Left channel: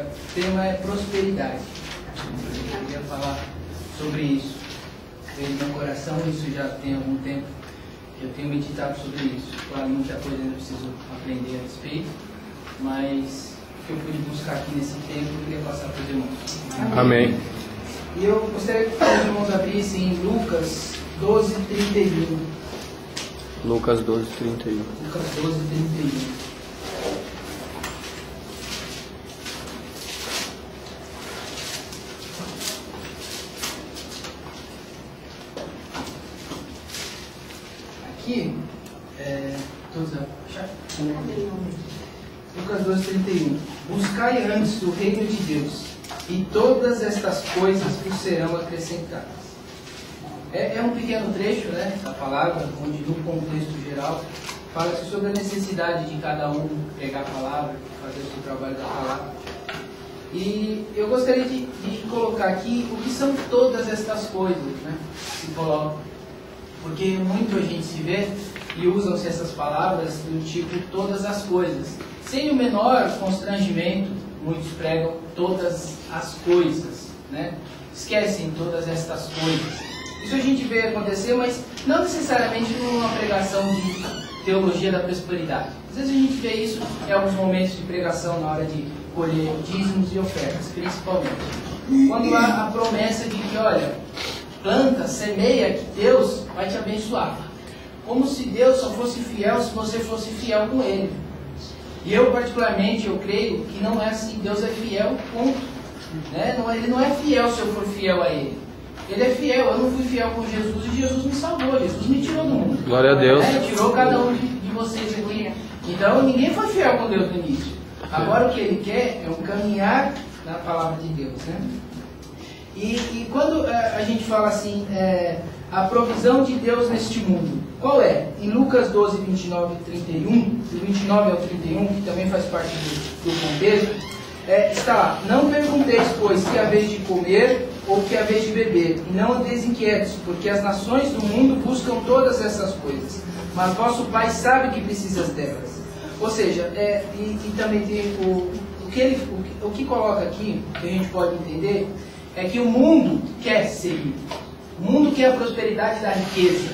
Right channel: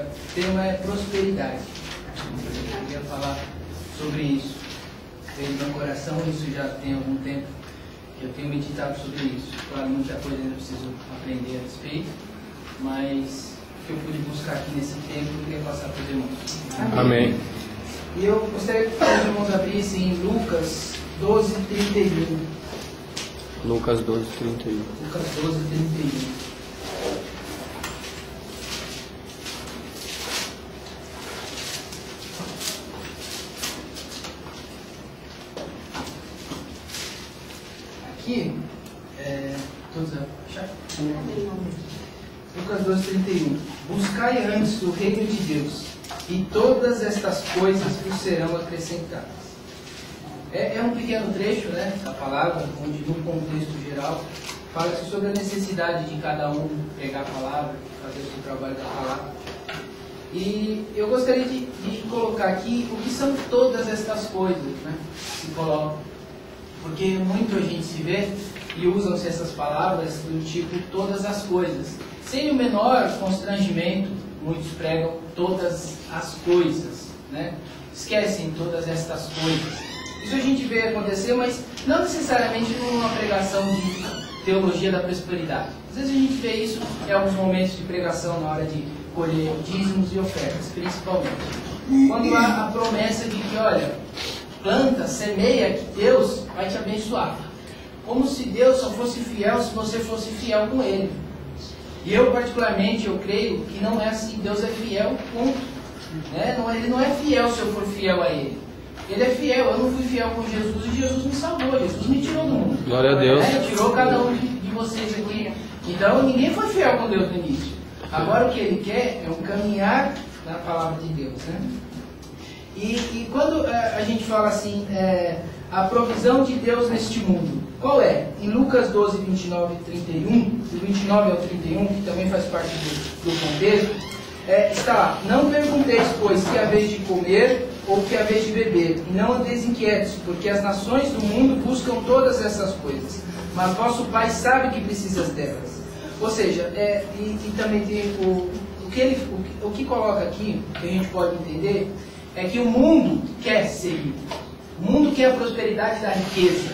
O tema é prosperidade. Eu queria falar sobre isso. Veio no meu coração, isso já tem algum tempo que eu tenho meditado sobre isso. Claro, muita coisa ainda preciso aprender a respeito, mas o que eu pude buscar aqui nesse tempo, eu queria passar para os irmãos. Amém. E eu gostaria que os irmãos abrissem em Lucas 12:31. Lucas 12:31. Lucas 12:31. Aqui, todos acharam? Lucas 12:31. Buscai antes o reino de Deus, e todas estas coisas vos serão acrescentadas. É um pequeno trecho, né, da palavra, onde no contexto geral fala-se sobre a necessidade de cada um pregar a palavra, fazer o seu trabalho da palavra. E eu gostaria de colocar aqui o que são todas estas coisas, né, que se colocam. Porque muito a gente se vê e usam-se essas palavras do tipo todas as coisas. Sem o menor constrangimento, muitos pregam todas as coisas, né? Esquecem todas estas coisas. Isso a gente vê acontecer, mas não necessariamente numa pregação de teologia da prosperidade. Às vezes a gente vê isso em alguns momentos de pregação na hora de colher dízimos e ofertas, principalmente. Quando há a promessa de que, olha, planta, semeia, que Deus vai te abençoar. Como se Deus só fosse fiel se você fosse fiel com Ele. E eu, particularmente, eu creio que não é assim. Deus é fiel, ponto. Né? Ele não é fiel se eu for fiel a Ele. Ele é fiel. Eu não fui fiel com Jesus e Jesus me salvou. Jesus me tirou do mundo. Glória a Deus. Tirou cada um de vocês aqui. Então, ninguém foi fiel com Deus no início. Agora, o que Ele quer é um caminhar na palavra de Deus, né? E quando a gente fala assim, a provisão de Deus neste mundo, qual é? Em Lucas 12, 29 e 31, do 29 ao 31, que também faz parte do contexto, está lá: não pergunteis, pois, que haveis de comer ou que haveis de beber, e não andeis inquietos, porque as nações do mundo buscam todas essas coisas, mas vosso Pai sabe que precisas delas. Ou seja, e também tem o que coloca aqui, que a gente pode entender, é que o mundo quer ser rico. O mundo quer a prosperidade da riqueza.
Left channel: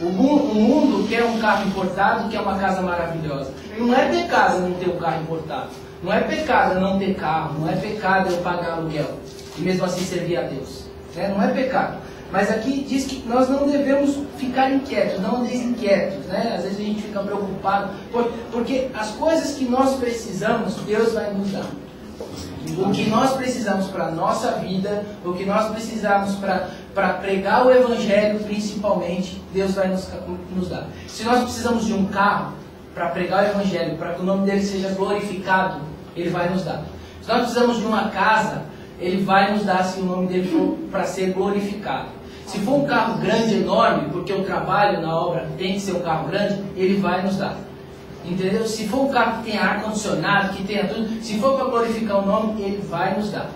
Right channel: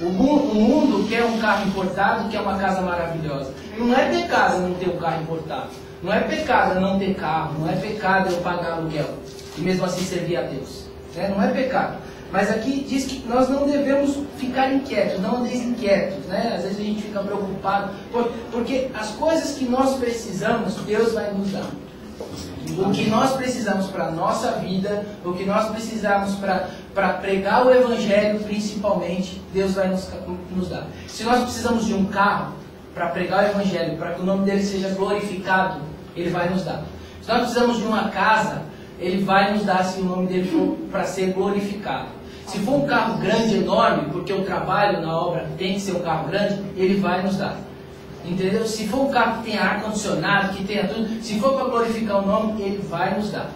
O mundo quer um carro importado, quer uma casa maravilhosa. Não é pecado não ter um carro importado. Não é pecado não ter carro. Não é pecado eu pagar aluguel e mesmo assim servir a Deus. Não é pecado. Mas aqui diz que nós não devemos ficar inquietos, não andeis inquietos. Às vezes a gente fica preocupado, porque as coisas que nós precisamos, Deus vai nos dar. O que nós precisamos para a nossa vida, o que nós precisamos para pregar o Evangelho, principalmente, Deus vai nos dar. Se nós precisamos de um carro para pregar o Evangelho, para que o nome dele seja glorificado, Ele vai nos dar. Se nós precisamos de uma casa, Ele vai nos dar, se o nome dele for para ser glorificado. Se for um carro grande, enorme, porque o trabalho na obra tem que ser um carro grande, Ele vai nos dar. Entendeu? Se for um carro que tenha ar-condicionado, que tenha tudo, se for para glorificar o nome, Ele vai nos dar.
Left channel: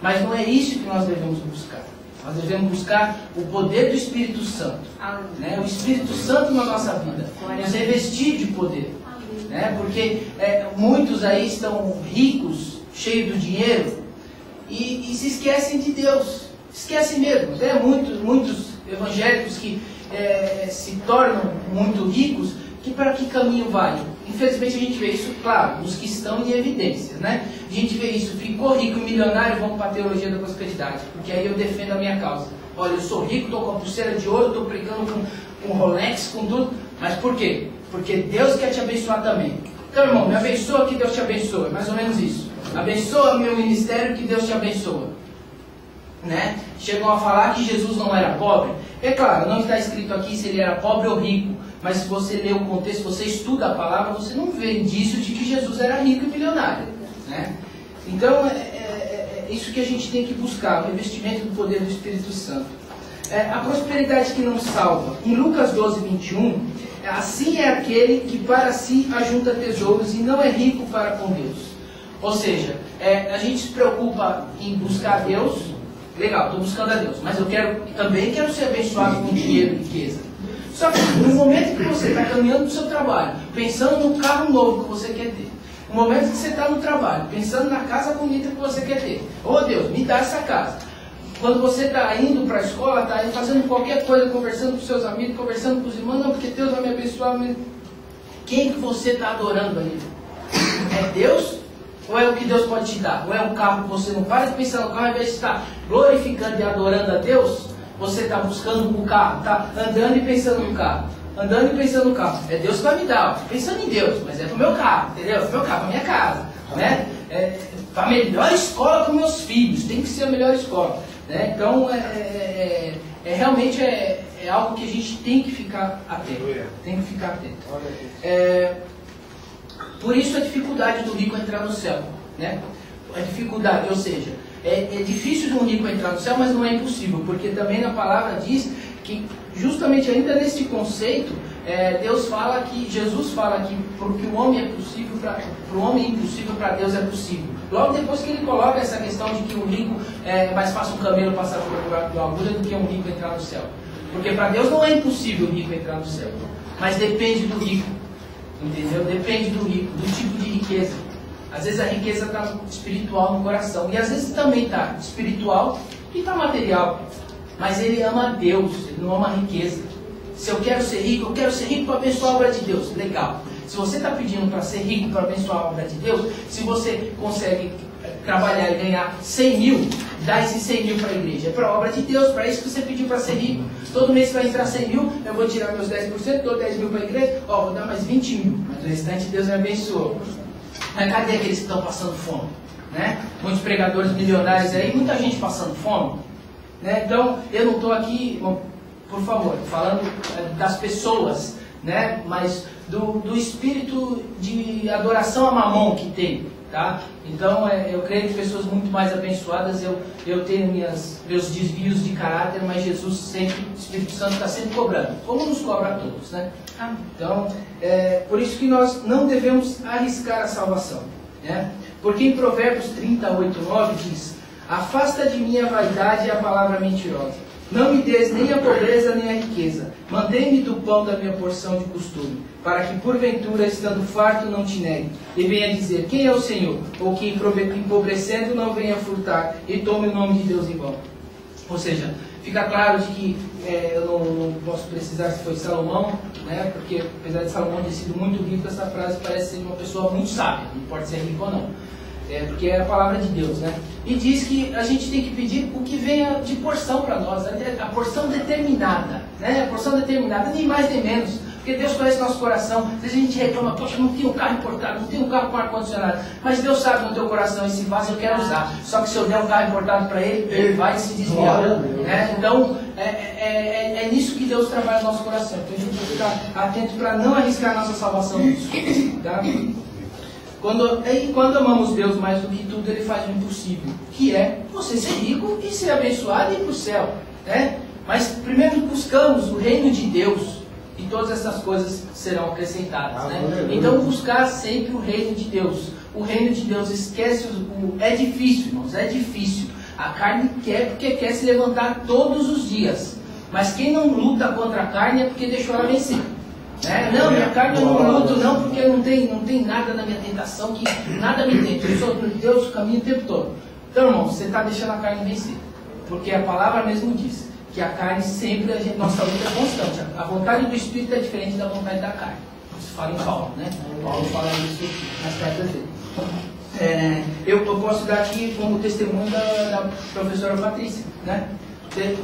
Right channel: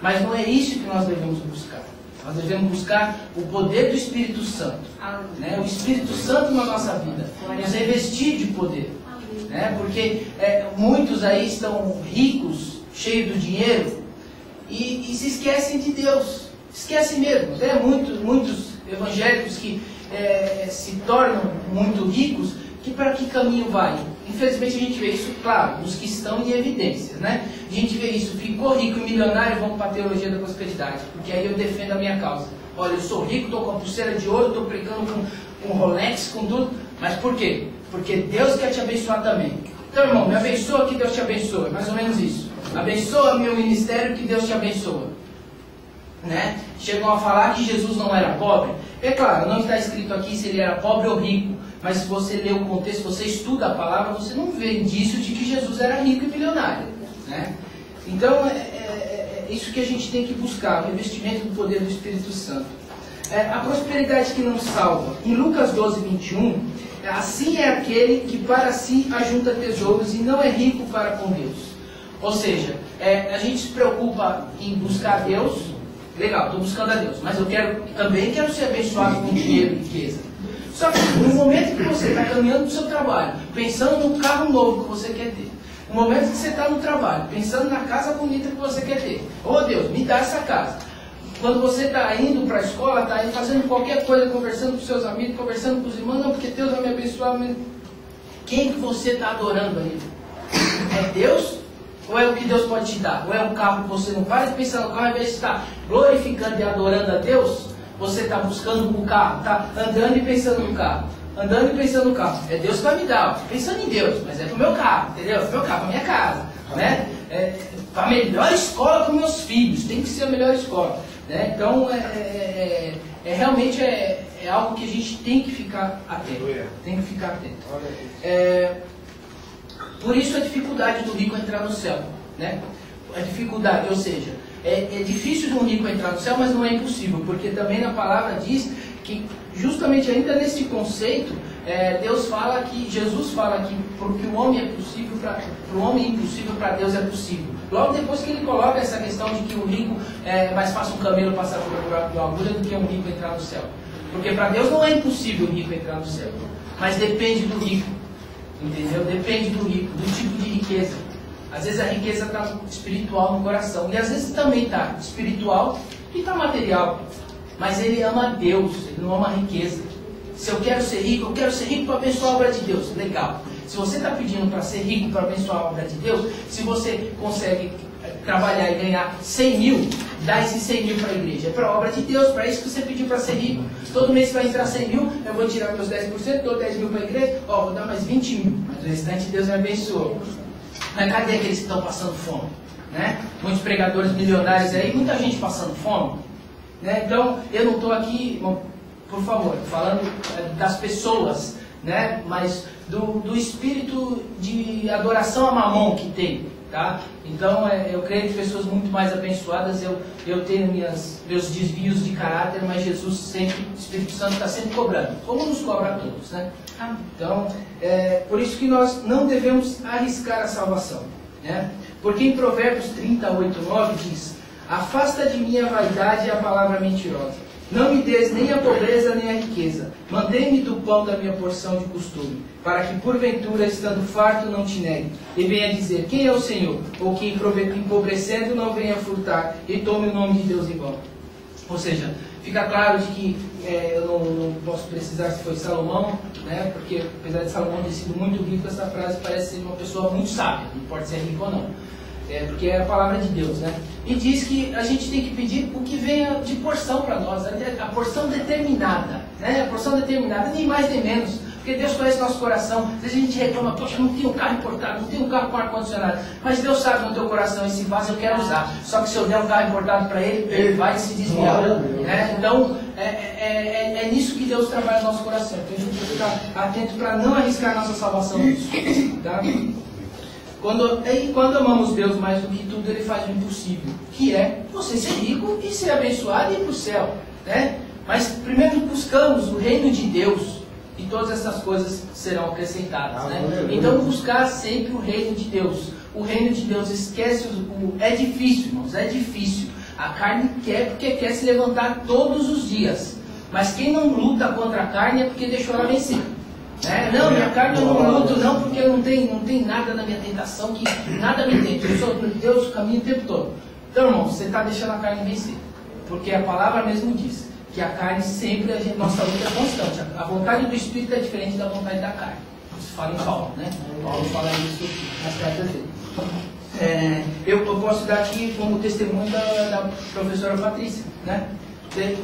Mas não é isso que nós devemos buscar. Nós devemos buscar o poder do Espírito Santo. O Espírito Santo na nossa vida. Nos revestir de poder. Porque muitos aí estão ricos, cheios do dinheiro, e se esquecem de Deus. Esquecem mesmo. Muitos evangélicos que se tornam muito ricos, que para que caminho vai? Infelizmente a gente vê isso, claro, dos que estão em evidências, A gente vê isso, ficou rico e milionário, vamos para a teologia da prosperidade, porque aí eu defendo a minha causa. Olha, eu sou rico, estou com a pulseira de ouro, estou brincando com Rolex, com tudo, mas por quê? Porque Deus quer te abençoar também. Então, irmão, me abençoa que Deus te abençoa, mais ou menos isso. Abençoa meu ministério que Deus te abençoa. Chegam a falar que Jesus não era pobre. É claro, não está escrito aqui se ele era pobre ou rico. Mas se você lê o contexto, se você estuda a palavra, você não vê indício de que Jesus era rico e milionário. Então, é isso que a gente tem que buscar, o revestimento do poder do Espírito Santo. A prosperidade que não salva. Em Lucas 12, 21, assim é aquele que para si ajunta tesouros e não é rico para com Deus. Ou seja, a gente se preocupa em buscar Deus. Legal, estou buscando a Deus, mas eu também quero ser abençoado com dinheiro e riqueza. Só que no momento que você está caminhando para o seu trabalho, pensando no carro novo que você quer ter, no No momento que você está no trabalho, pensando na casa bonita que você quer ter. Oh Deus, me dá essa casa. Quando você está indo para a escola, está aí fazendo qualquer coisa, conversando com seus amigos, conversando com os irmãos, não, porque Deus vai me abençoar. Quem que você está adorando aí? É Deus? Ou é o que Deus pode te dar? Ou é um carro que você não para de pensar no carro, ao invés de estar glorificando e adorando a Deus, você está buscando o carro, está andando e pensando no carro. Andando e pensando no carro. É Deus que vai me dar, pensando em Deus, mas é para o meu carro, entendeu? É para o meu carro, para a minha casa. Né? Para a melhor escola para os meus filhos, tem que ser a melhor escola. Né? Então, realmente é algo que a gente tem que ficar atento. Tem que ficar atento. Por isso a dificuldade do rico entrar no céu. Né? A dificuldade, ou seja, é difícil de um rico entrar no céu, mas não é impossível, porque também na palavra diz que justamente ainda neste conceito, Deus fala que, Jesus fala que porque o homem é possível, para o homem é impossível, para Deus é possível. Logo depois que ele coloca essa questão de que o rico é mais fácil um camelo passar por buraco de uma agulha do que um rico entrar no céu. Porque para Deus não é impossível o rico entrar no céu, mas depende do rico, entendeu? Depende do rico, do tipo de riqueza. Às vezes a riqueza está espiritual no coração, e às vezes também está espiritual e está material. Mas ele ama a Deus, ele não ama a riqueza. Se eu quero ser rico, eu quero ser rico para abençoar a obra de Deus. Legal. Se você está pedindo para ser rico para abençoar a obra de Deus, se você consegue trabalhar e ganhar 100 mil, dá esses 100 mil para a igreja. É para a obra de Deus, para isso que você pediu para ser rico. Todo mês vai entrar 100 mil, eu vou tirar meus 10%, dou 10 mil para a igreja, vou dar mais 20 mil. Mas o restante Deus me abençoou. Mas cadê aqueles que estão passando fome? Né? Muitos pregadores milionários aí, muita gente passando fome. Né? Então, eu não estou aqui, por favor, falando das pessoas, né? Mas do espírito de adoração a Mamon que tem. Tá? Então, eu creio que pessoas muito mais abençoadas, eu tenho meus desvios de caráter, mas Jesus sempre, o Espírito Santo está sempre cobrando, como nos cobra a todos. Né? Então, por isso que nós não devemos arriscar a salvação. Né? Porque em Provérbios 38:9 diz: afasta de mim a vaidade e a palavra mentirosa. Não me des nem a pobreza nem a riqueza. Mantém-me do pão da minha porção de costume, para que porventura, estando farto, não te negue. E venha dizer: quem é o Senhor? Ou que empobrecendo não venha furtar e tome o nome de Deus em vão. Ou seja, fica claro de que eu não posso precisar se foi Salomão, né? Porque apesar de Salomão ter sido muito rico, essa frase parece ser uma pessoa muito sábia, não pode ser rico ou não. Porque é a palavra de Deus, né? E diz que a gente tem que pedir o que venha de porção para nós, a porção determinada, né? A porção determinada, nem mais nem menos, porque Deus conhece nosso coração. Às vezes a gente reclama: poxa, não tem um carro importado, não tem um carro com ar-condicionado, mas Deus sabe no teu coração: esse vaso eu quero usar, só que se eu der um carro importado para ele, ele vai se desviar, né? Então, é nisso que Deus trabalha no nosso coração. Então a gente tem que ficar atento para não arriscar a nossa salvação nisso, tá? Quando amamos Deus mais do que tudo, Ele faz o impossível, que é você ser rico e ser abençoado e ir para o céu. Né? Mas primeiro buscamos o reino de Deus e todas essas coisas serão acrescentadas. Né? Então buscar sempre o reino de Deus. O reino de Deus, esquece é difícil, irmãos, é difícil. A carne quer porque quer se levantar todos os dias. Mas quem não luta contra a carne é porque deixou ela vencer. Não, minha carne eu não luto não, porque não tem nada na minha tentação que nada me tente. Eu sou de Deus o caminho o tempo todo. Então, irmão, você está deixando a carne vencer. Porque a palavra mesmo diz que a carne sempre, nossa luta é constante. A vontade do Espírito é diferente da vontade da carne. Isso fala em Paulo, né? Paulo fala isso nas cartas dele. Eu posso dar aqui como testemunho da professora Patrícia, né?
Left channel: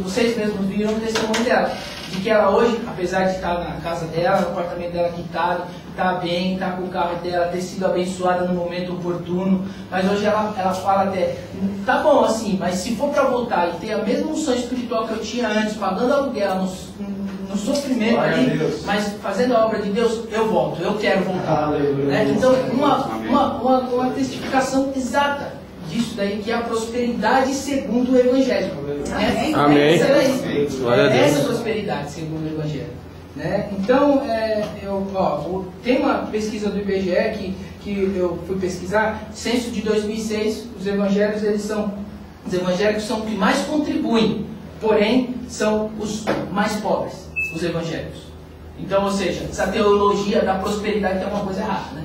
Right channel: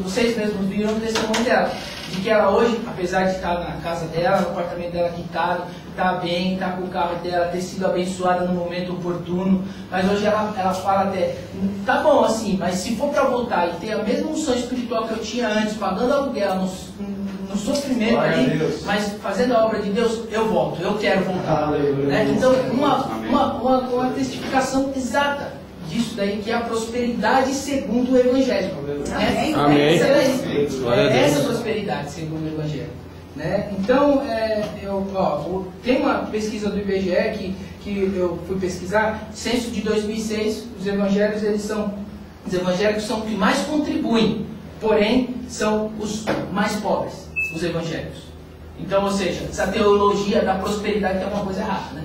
Vocês mesmos viram o testemunho dela, de que ela hoje, apesar de estar na casa dela, no apartamento dela quitado, está bem, está com o carro dela, ter sido abençoada no momento oportuno, mas hoje ela fala até: tá bom assim, mas se for para voltar e ter a mesma unção espiritual que eu tinha antes, pagando aluguel, no sofrimento ali, mas fazendo a obra de Deus, eu volto, eu quero voltar. Né? Então, uma testificação exata disso daí, que é a prosperidade segundo o Evangelho. Né? Amém. Essa é a prosperidade segundo o Evangelho. Né? Então, tem uma pesquisa do IBGE que eu fui pesquisar, censo de 2006, os evangélicos são os que mais contribuem, porém são os mais pobres, os evangélicos. Então, ou seja, essa teologia da prosperidade tem alguma coisa errada, né?